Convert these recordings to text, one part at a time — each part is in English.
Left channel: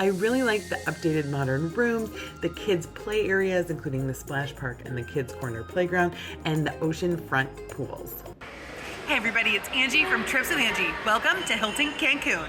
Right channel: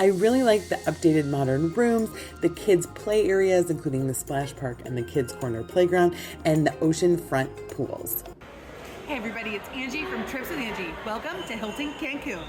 I really like the updated modern rooms, the kids' play areas, including the splash park and the kids' corner playground, and the oceanfront pools. Hey everybody, it's Angie from Trips with Angie. Welcome to Hilton Cancun.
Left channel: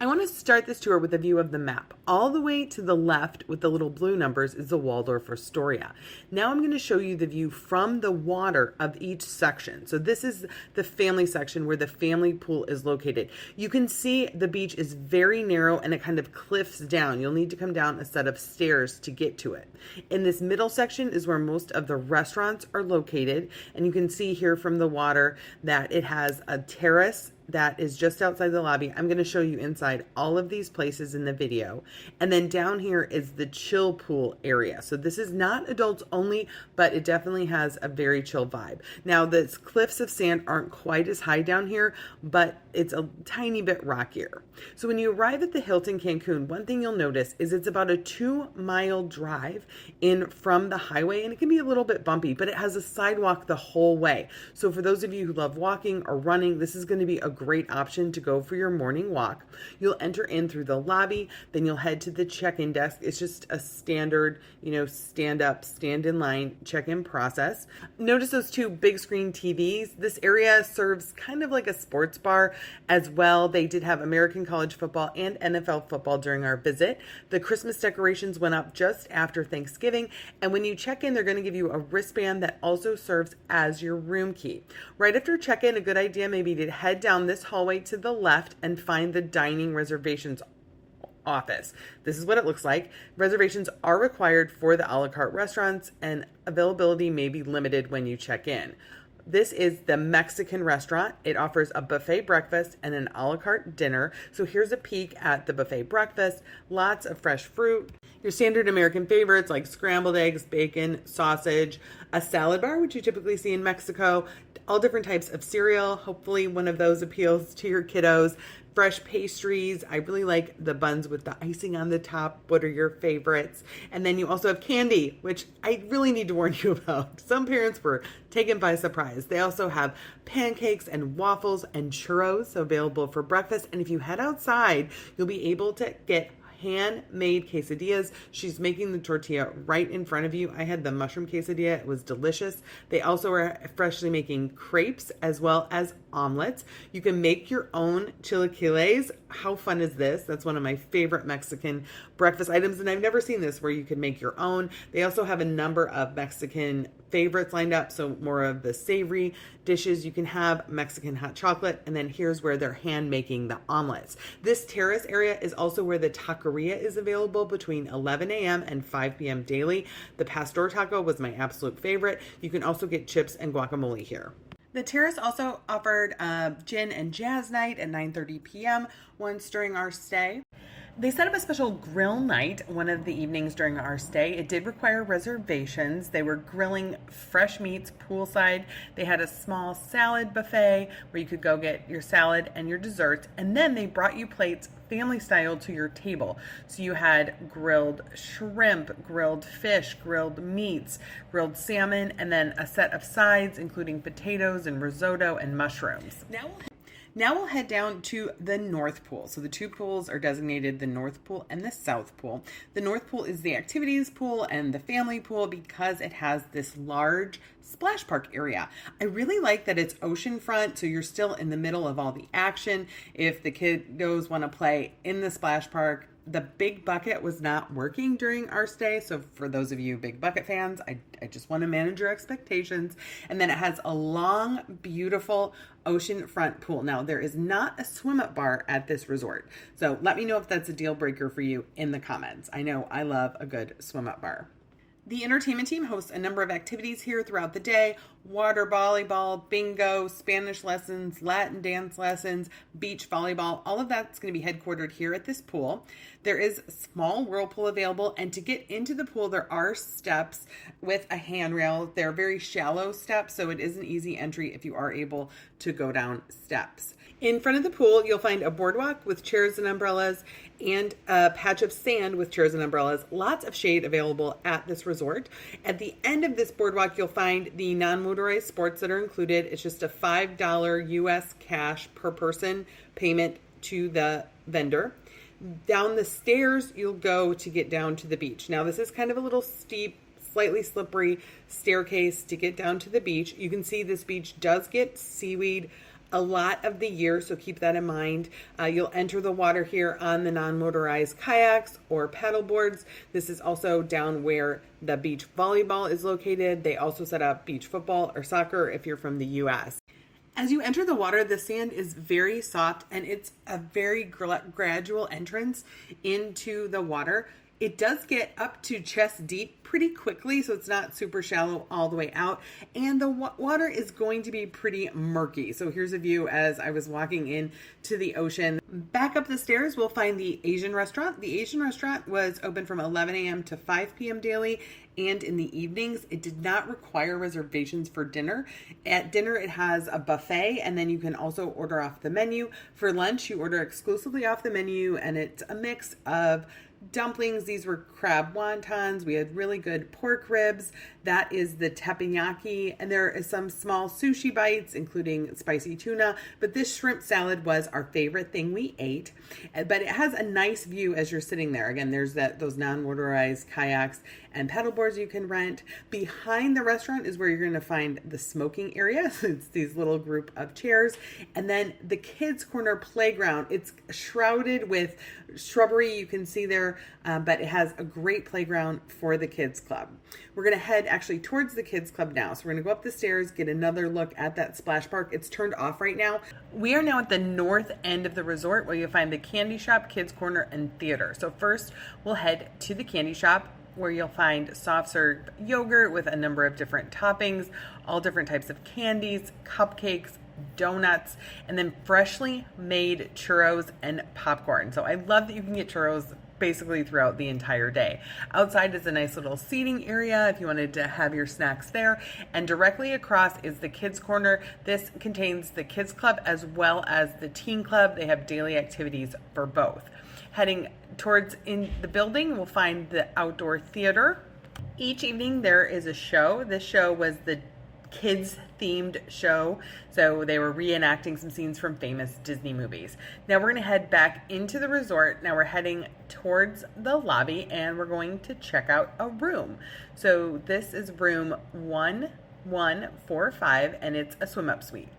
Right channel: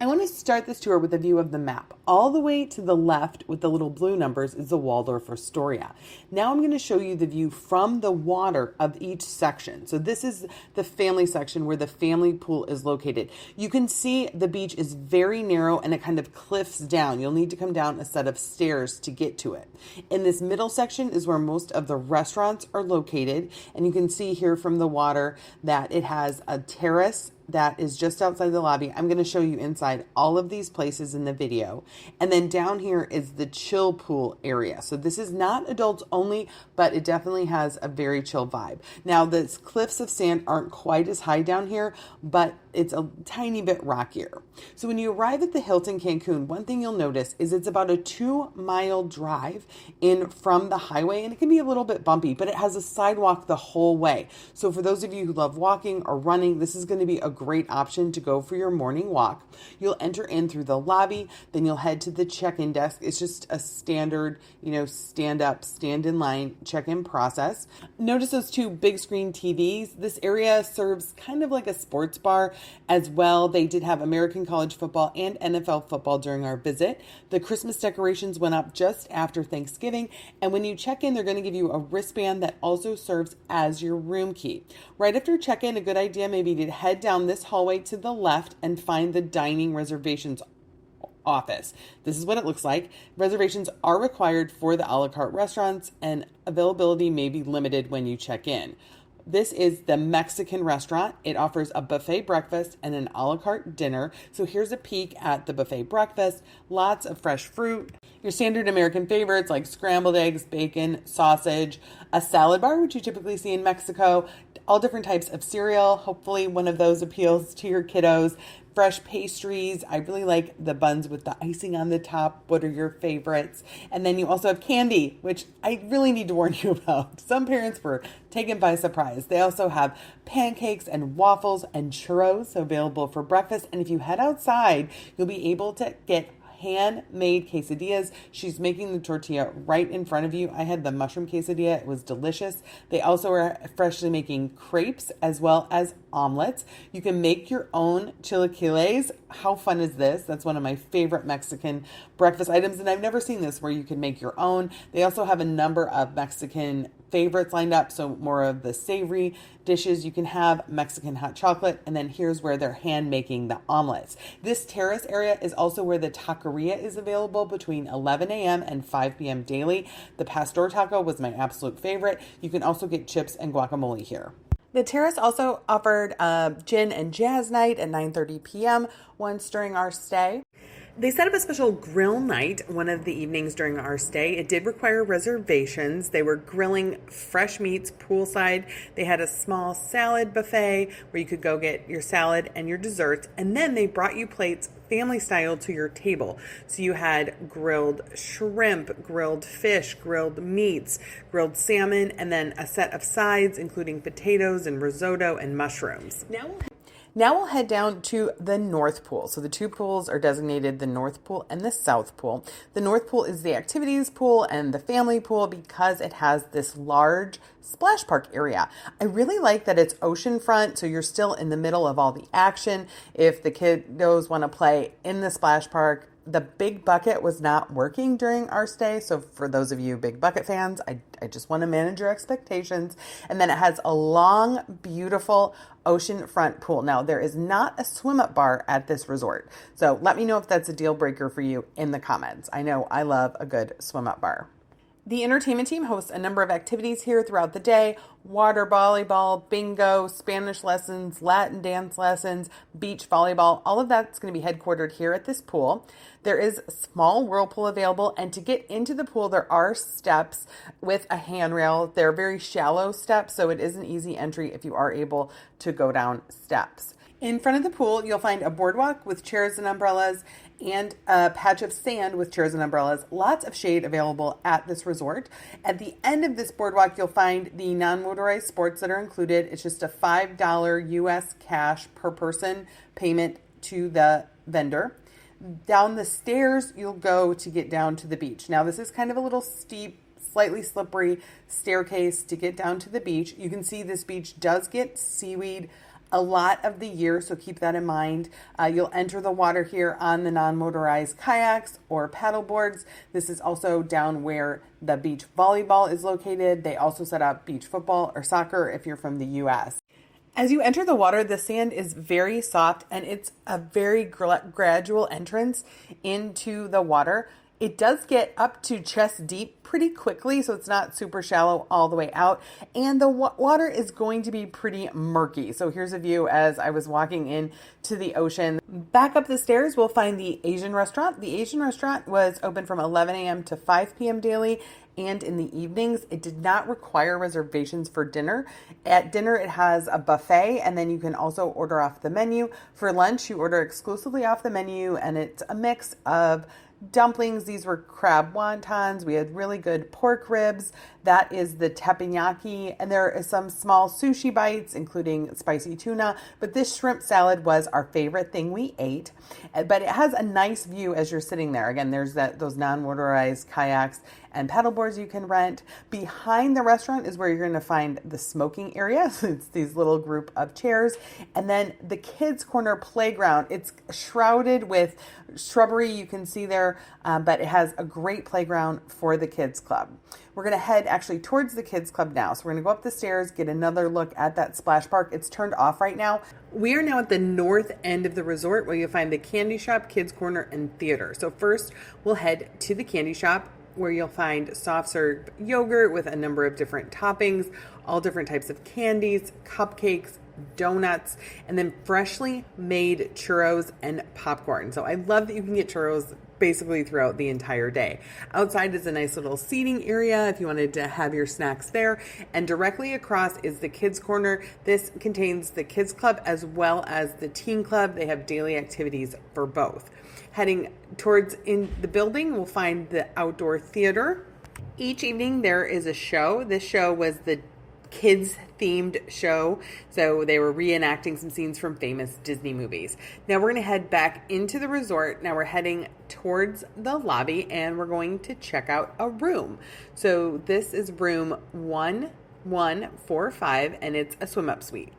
I want to start this tour with a view of the map. All the way to the left with the little blue numbers is the Waldorf Astoria. Now I'm going to show you the view from the water of each section. So this is the family section where the family pool is located. You can see the beach is very narrow and it kind of cliffs down. You'll need to come down a set of stairs to get to it. In this middle section is where most of the restaurants are located. And you can see here from the water that it has a terrace that is just outside the lobby. I'm going to show you inside all of these places in the video. And then down here is the chill pool area. So this is not adults only, but it definitely has a very chill vibe. Now the cliffs of sand aren't quite as high down here, but it's a tiny bit rockier. So when you arrive at the Hilton Cancun, one thing you'll notice is it's about a 2-mile drive in from the highway, and it can be a little bit bumpy, but it has a sidewalk the whole way. So for those of you who love walking or running, this is going to be a great option to go for your morning walk. You'll enter in through the lobby, then you'll head to the check-in desk. It's just a standard, stand up, stand in line check-in process. Notice those two big screen TVs. This area serves kind of like a sports bar as well. They did have American college football and NFL football during our visit. The Christmas decorations went up just after Thanksgiving, and when you check in, they're going to give you a wristband that also serves as your room key. Right after check-in, a good idea may be to head down this hallway to the left and find the dining reservations office. This is what it looks like. Reservations are required for the a la carte restaurants, and availability may be limited when you check in. This is the Mexican restaurant. It offers a buffet breakfast and an a la carte dinner. So here's a peek at the buffet breakfast. Lots of fresh fruit. Your standard American favorites like scrambled eggs, bacon, sausage, a salad bar, which you typically see in Mexico, all different types of cereal. Hopefully one of those appeals to your kiddos. Fresh pastries. I really like the buns with the icing on the top. What are your favorites? And then you also have candy, which I really need to warn you about. Some parents were taken by surprise. They also have pancakes and waffles and churros available for breakfast. And if you head outside, you'll be able to get handmade quesadillas. She's making the tortilla right in front of you. I had the mushroom quesadilla. It was delicious. They also are freshly making crepes as well as omelets. You can make your own chilaquiles. How fun is this? That's one of my favorite Mexican breakfast items, and I've never seen this where you can make your own. They also have a number of Mexican favorites lined up, so more of the savory dishes. You can have Mexican hot chocolate, and then here's where they're hand making the omelets. This terrace area is also where the taqueria is available between 11 a.m. and 5 p.m. daily. The pastor taco was my absolute favorite. You can also get chips and guacamole here. The terrace also offered gin and jazz night at 9:30 p.m. once during our stay. They set up a special grill night one of the evenings during our stay. It did require reservations. They were grilling fresh meats poolside. They had a small salad buffet where you could go get your salad and your desserts. And then they brought you plates family style to your table. So you had grilled shrimp, grilled fish, grilled meats, grilled salmon, and then a set of sides, including potatoes and risotto and mushrooms. Now we'll head down to the North Pool. So the two pools are designated the North Pool and the South Pool. The North Pool is the activities pool and the family pool because it has this large splash park area. I really like that it's oceanfront, so you're still in the middle of all the action. If the kiddos want to play in the splash park, the big bucket was not working during our stay. So for those of you big bucket fans, I just want to manage your expectations. And then it has a long, beautiful oceanfront pool. Now, there is not a swim up bar at this resort. So let me know if that's a deal breaker for you in the comments. I know I love a good swim up bar. The entertainment team hosts a number of activities here throughout the day: water volleyball, bingo, Spanish lessons, Latin dance lessons, beach volleyball. All of that's going to be headquartered here at this pool. There is a small whirlpool available, and to get into the pool, there are steps with a handrail. They're very shallow steps, so it is an easy entry if you are able to go down steps. In front of the pool, you'll find a boardwalk with chairs and umbrellas and a patch of sand with chairs and umbrellas. Lots of shade available at this resort. At the end of this boardwalk, you'll find the non-motorized sports that are included. It's just a $5 US cash per person payment to the vendor. Down the stairs, you'll go to get down to the beach. Now, this is kind of a little steep, slightly slippery staircase to get down to the beach. You can see this beach does get seaweed a lot of the year, so keep that in mind. You'll enter the water here on the non-motorized kayaks or paddle boards. This is also down where the beach volleyball is located. They also set up beach football or soccer if you're from the US. As you enter the water, the sand is very soft and it's a very gradual entrance into the water. It does get up to chest deep pretty quickly, so it's not super shallow all the way out. And the water is going to be pretty murky. So here's a view as I was walking in to the ocean. Back up the stairs, we'll find the Asian restaurant. The Asian restaurant was open from 11 a.m. to 5 p.m. daily and in the evenings. It did not require reservations for dinner. At dinner, it has a buffet, and then you can also order off the menu. For lunch, you order exclusively off the menu, and it's a mix of dumplings. These were crab wontons. We had really good pork ribs. That is the teppanyaki. And there is some small sushi bites, including spicy tuna. But this shrimp salad was our favorite thing we ate. But it has a nice view as you're sitting there. Again, there's those non-motorized kayaks and paddleboards you can rent. Behind the restaurant is where you're going to find the smoking area. It's these little group of chairs. And then the kids' corner playground. It's shrouded with shrubbery you can see there, but it has a great playground for the kids club. We're going to head actually towards the kids club now. So we're going to go up the stairs, get another look at that splash park. It's turned off right now. We are now at the north end of the resort where you'll find the candy shop, kids corner, and theater. So first we'll head to the candy shop where you'll find soft serve yogurt with a number of different toppings, all different types of candies, cupcakes, donuts, and then freshly made churros and popcorn. So I love that you can get churros basically throughout the entire day. Outside is a nice little seating area if you wanted to have your snacks there. And directly across is the kids corner. This contains the kids club as well as the teen club. They have daily activities for both. Heading towards in the building, we'll find the outdoor theater. Each evening there is a show. This show was the kids themed show, so they were reenacting some scenes from famous Disney movies. Now we're going to head back into the resort. Now we're heading towards the lobby and we're going to check out a room. So this is room 1145 and it's a swim up suite.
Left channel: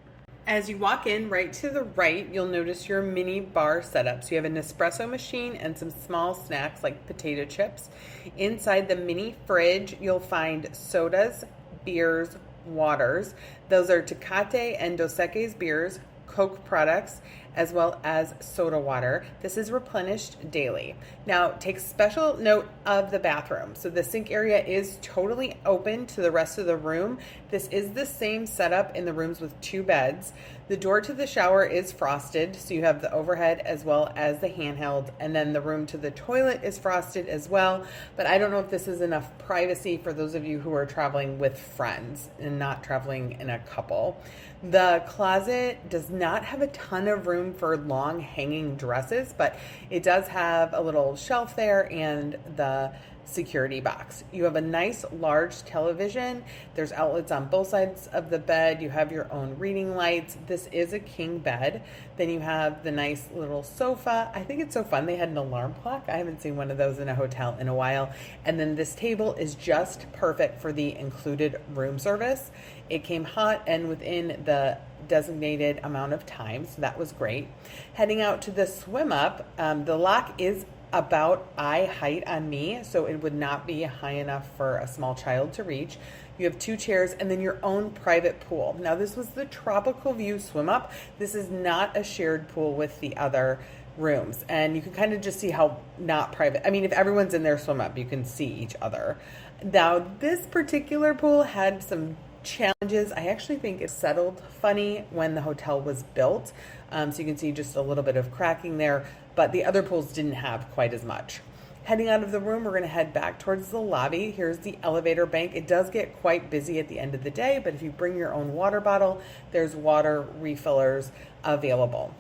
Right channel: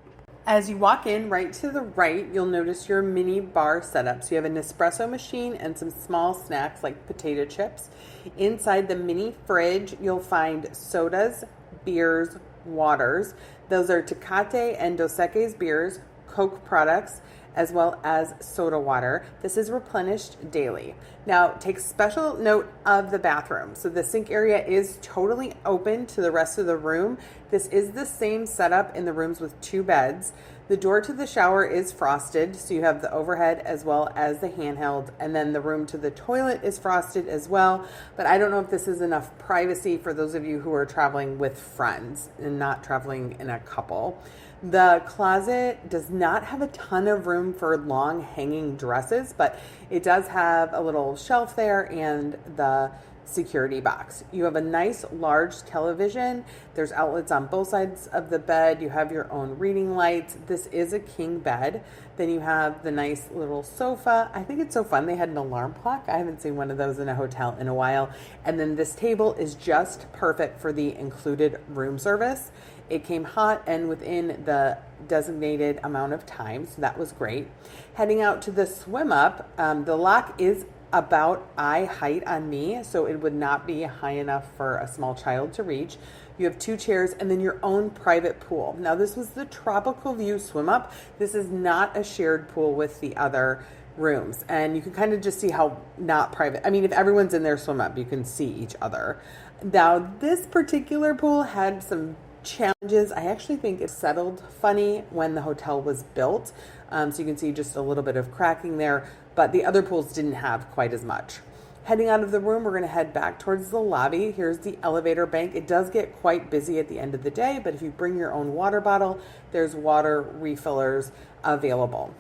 As you walk in, right to the right, you'll notice your mini bar setup. So you have an espresso machine and some small snacks like potato chips. Inside the mini fridge, you'll find sodas, beers, waters. Those are Tecate and Dos Equis beers, Coke products, as well as soda water. This is replenished daily. Now, take special note of the bathroom. So the sink area is totally open to the rest of the room. This is the same setup in the rooms with 2 beds. The door to the shower is frosted, so you have the overhead as well as the handheld, and then the room to the toilet is frosted as well. But I don't know if this is enough privacy for those of you who are traveling with friends and not traveling in a couple. The closet does not have a ton of room for long hanging dresses, but it does have a little shelf there and the security box. You have a nice large television. There's outlets on both sides of the bed. You have your own reading lights. This is a king bed. Then you have the nice little sofa. I think it's so fun. They had an alarm clock. I haven't seen one of those in a hotel in a while. And then this table is just perfect for the included room service. It came hot and within the designated amount of time, so that was great. Heading out to the swim up, the lock is about eye height on me, so it would not be high enough for a small child to reach. You have 2 chairs and then your own private pool. Now this was the tropical view swim up. This is not a shared pool with the other rooms, and you can kind of just see how not private. I mean, if everyone's in their swim up, you can see each other. Now this particular pool had some challenges. I actually think it settled funny when the hotel was built. So you can see just a little bit of cracking there, but the other pools didn't have quite as much. Heading out of the room, we're going to head back towards the lobby. Here's the elevator bank. It does get quite busy at the end of the day, but if you bring your own water bottle, there's water refillers available.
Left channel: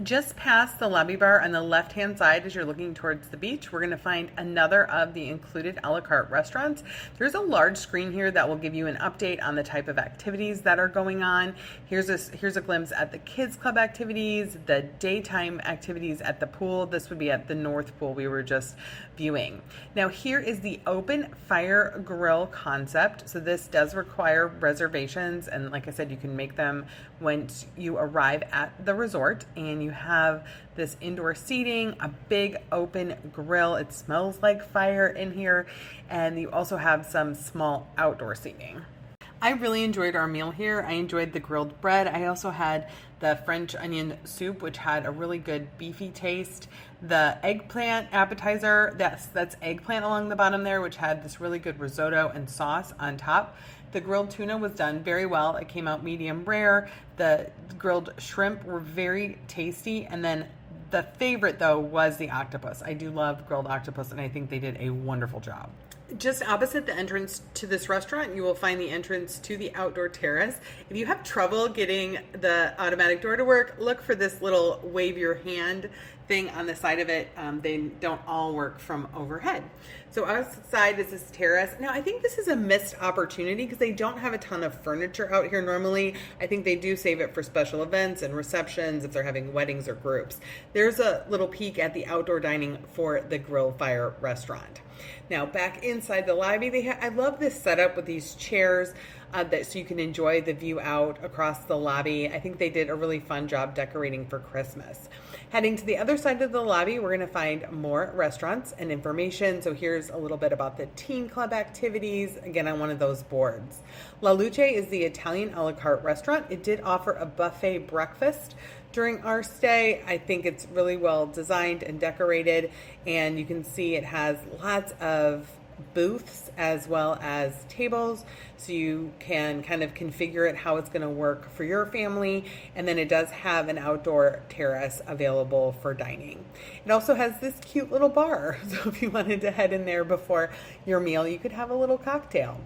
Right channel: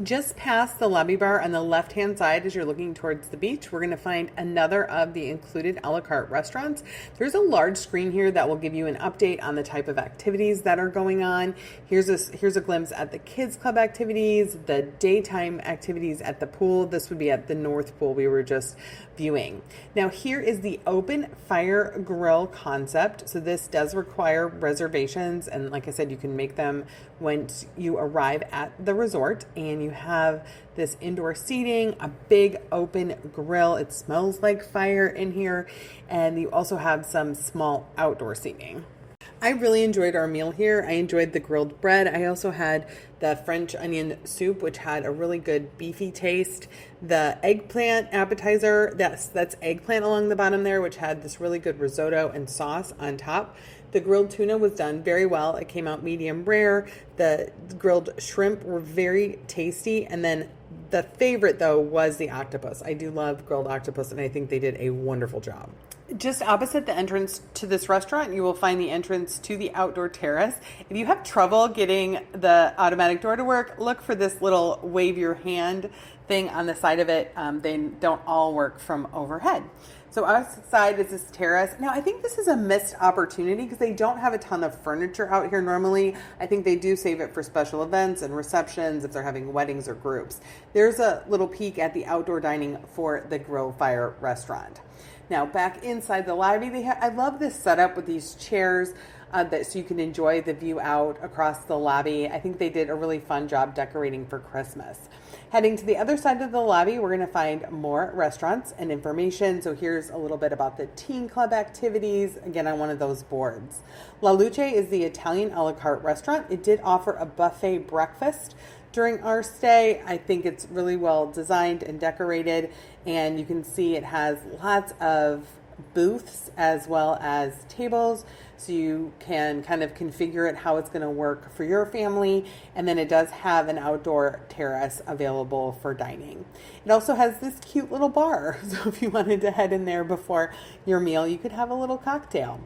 Just past the lobby bar on the left-hand side as you're looking towards the beach, we're going to find another of the included a la carte restaurants. There's a large screen here that will give you an update on the type of activities that are going on. Here's a glimpse at the kids club activities, the daytime activities at the pool. This would be at the North Pool we were just viewing. Now here is the open fire grill concept. So this does require reservations, and like I said, you can make them once you arrive at the resort. And you have this indoor seating, a big open grill. It smells like fire in here, and you also have some small outdoor seating. I really enjoyed our meal here. I enjoyed the grilled bread. I also had the French onion soup, which had a really good beefy taste. The eggplant appetizer, that's eggplant along the bottom there, which had this really good risotto and sauce on top. The grilled tuna was done very well. It came out medium rare. The grilled shrimp were very tasty. And then the favorite, though, was the octopus. I do love grilled octopus, and I think they did a wonderful job. Just opposite the entrance to this restaurant, you will find the entrance to the outdoor terrace. If you have trouble getting the automatic door to work, look for this little wave your hand thing on the side of it. They don't all work from overhead. So outside is this terrace. Now, I think this is a missed opportunity because they don't have a ton of furniture out here normally. I think they do save it for special events and receptions if they're having weddings or groups. There's a little peek at the outdoor dining for the Grill Fire restaurant. Now, back inside the lobby, I love this setup with these chairs so you can enjoy the view out across the lobby. I think they did a really fun job decorating for Christmas. Heading to the other side of the lobby, we're going to find more restaurants and information. So here's a little bit about the teen club activities, again, on one of those boards. La Luce is the Italian a la carte restaurant. It did offer a buffet breakfast during our stay. I think it's really well designed and decorated, and you can see it has lots of booths as well as tables, so you can kind of configure it how it's going to work for your family. And then it does have an outdoor terrace available for dining. It also has this cute little bar, so if you wanted to head in there before your meal, you could have a little cocktail.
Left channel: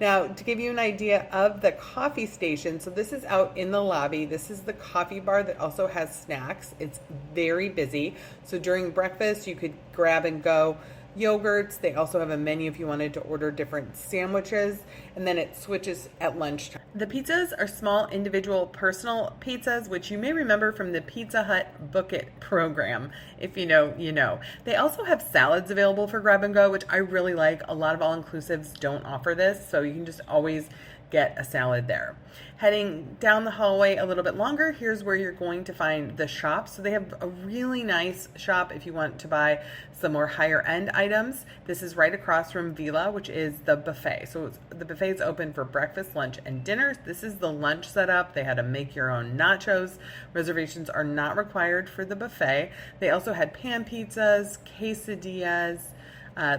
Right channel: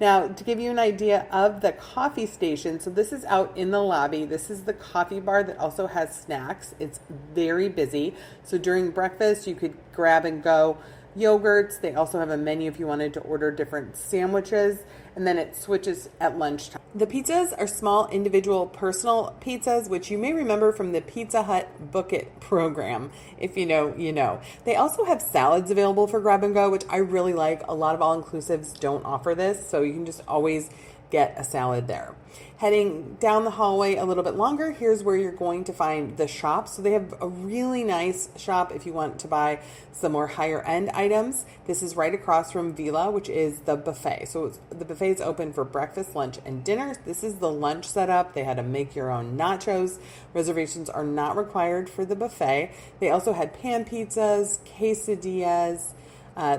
Now, to give you an idea of the coffee station, so this is out in the lobby. This is the coffee bar that also has snacks. It's very busy. So during breakfast, you could grab and go yogurts. They also have a menu if you wanted to order different sandwiches, and then it switches at lunchtime. The pizzas are small individual personal pizzas, which you may remember from the Pizza Hut Book It program. If you know, you know. They also have salads available for grab and go, which I really like. A lot of all-inclusives don't offer this, so you can just always get a salad there. Heading down the hallway a little bit longer, here's where you're going to find the shop. So they have a really nice shop if you want to buy some more higher end items. This is right across from Vila, which is the buffet. So the buffet is open for breakfast, lunch, and dinner. This is the lunch setup. They had to make your own nachos. Reservations are not required for the buffet. They also had pan pizzas, quesadillas,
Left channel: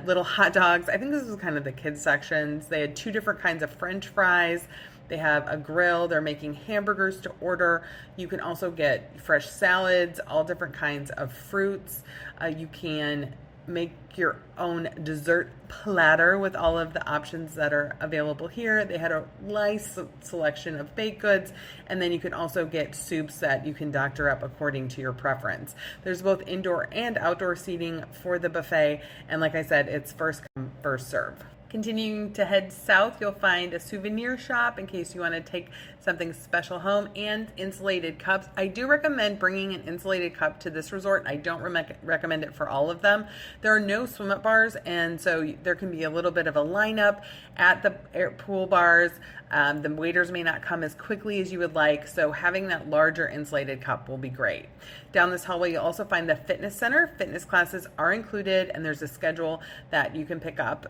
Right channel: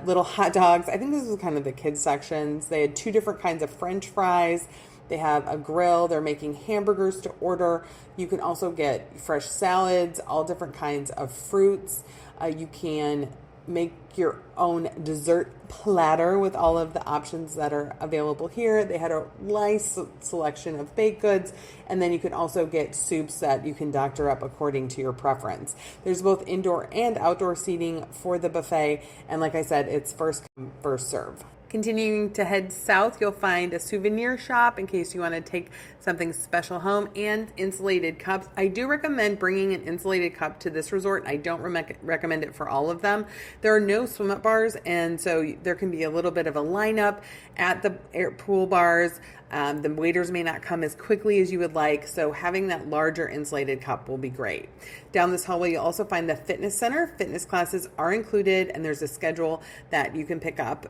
little hot dogs. I think this was kind of the kids sections. They had two different kinds of French fries. They have a grill. They're making hamburgers to order. You can also get fresh salads, all different kinds of fruits. You can make your own dessert platter with all of the options that are available here. They had a nice selection of baked goods, and then you can also get soups that you can doctor up according to your preference. There's both indoor and outdoor seating for the buffet, and like I said, it's first come, first serve. Continuing to head south, you'll find a souvenir shop in case you want to take something special home, and insulated cups. I do recommend bringing an insulated cup to this resort. I don't recommend it for all of them. There are no swim up bars, and so there can be a little bit of a lineup at the pool bars. The waiters may not come as quickly as you would like, so having that larger insulated cup will be great. Down this hallway, you'll also find the fitness center. Fitness classes are included, and there's a schedule that you can pick up.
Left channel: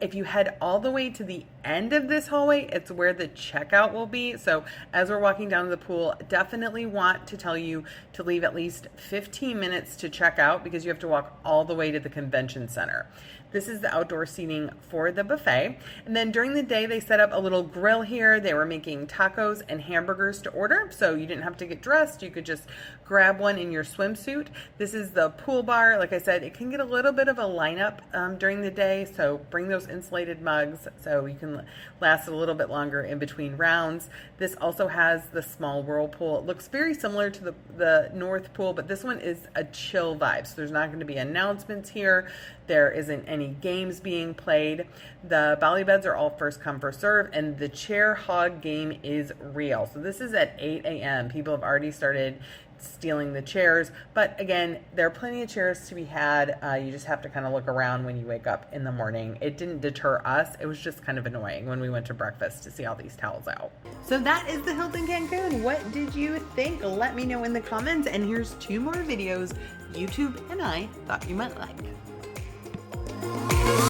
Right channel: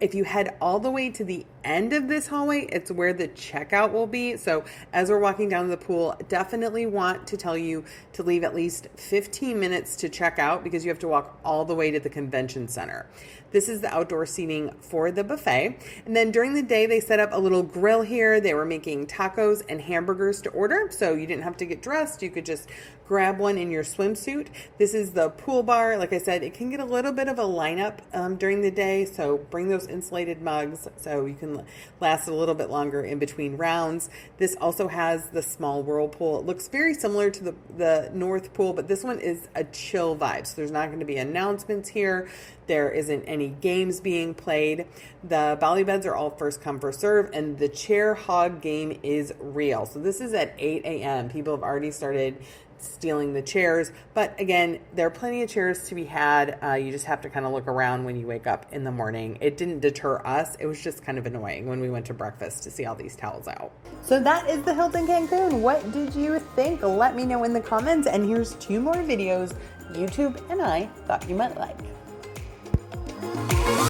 If you head all the way to the end of this hallway, it's where the checkout will be. So as we're walking down to the pool, definitely want to tell you to leave at least 15 minutes to check out because you have to walk all the way to the convention center. This is the outdoor seating for the buffet. And then during the day, they set up a little grill here. They were making tacos and hamburgers to order. So you didn't have to get dressed. You could just grab one in your swimsuit. This is the pool bar. Like I said, it can get a little bit of a lineup during the day. So bring those insulated mugs, so you can last a little bit longer in between rounds. This also has the small whirlpool. It looks very similar to the North Pool, but this one is a chill vibe. So there's not going to be announcements here. There isn't any games being played. The Bali beds are all first come, first serve, and the chair hog game is real. So this is at 8 a.m. People have already started stealing the chairs, but again, there are plenty of chairs to be had. You just have to kind of look around when you wake up in the morning. It didn't deter us. It was just kind of annoying when we went to breakfast to see all these towels out. So that is the Hilton Cancun. What did you think? Let me know in the comments. And here's 2 more videos YouTube and I thought you might like.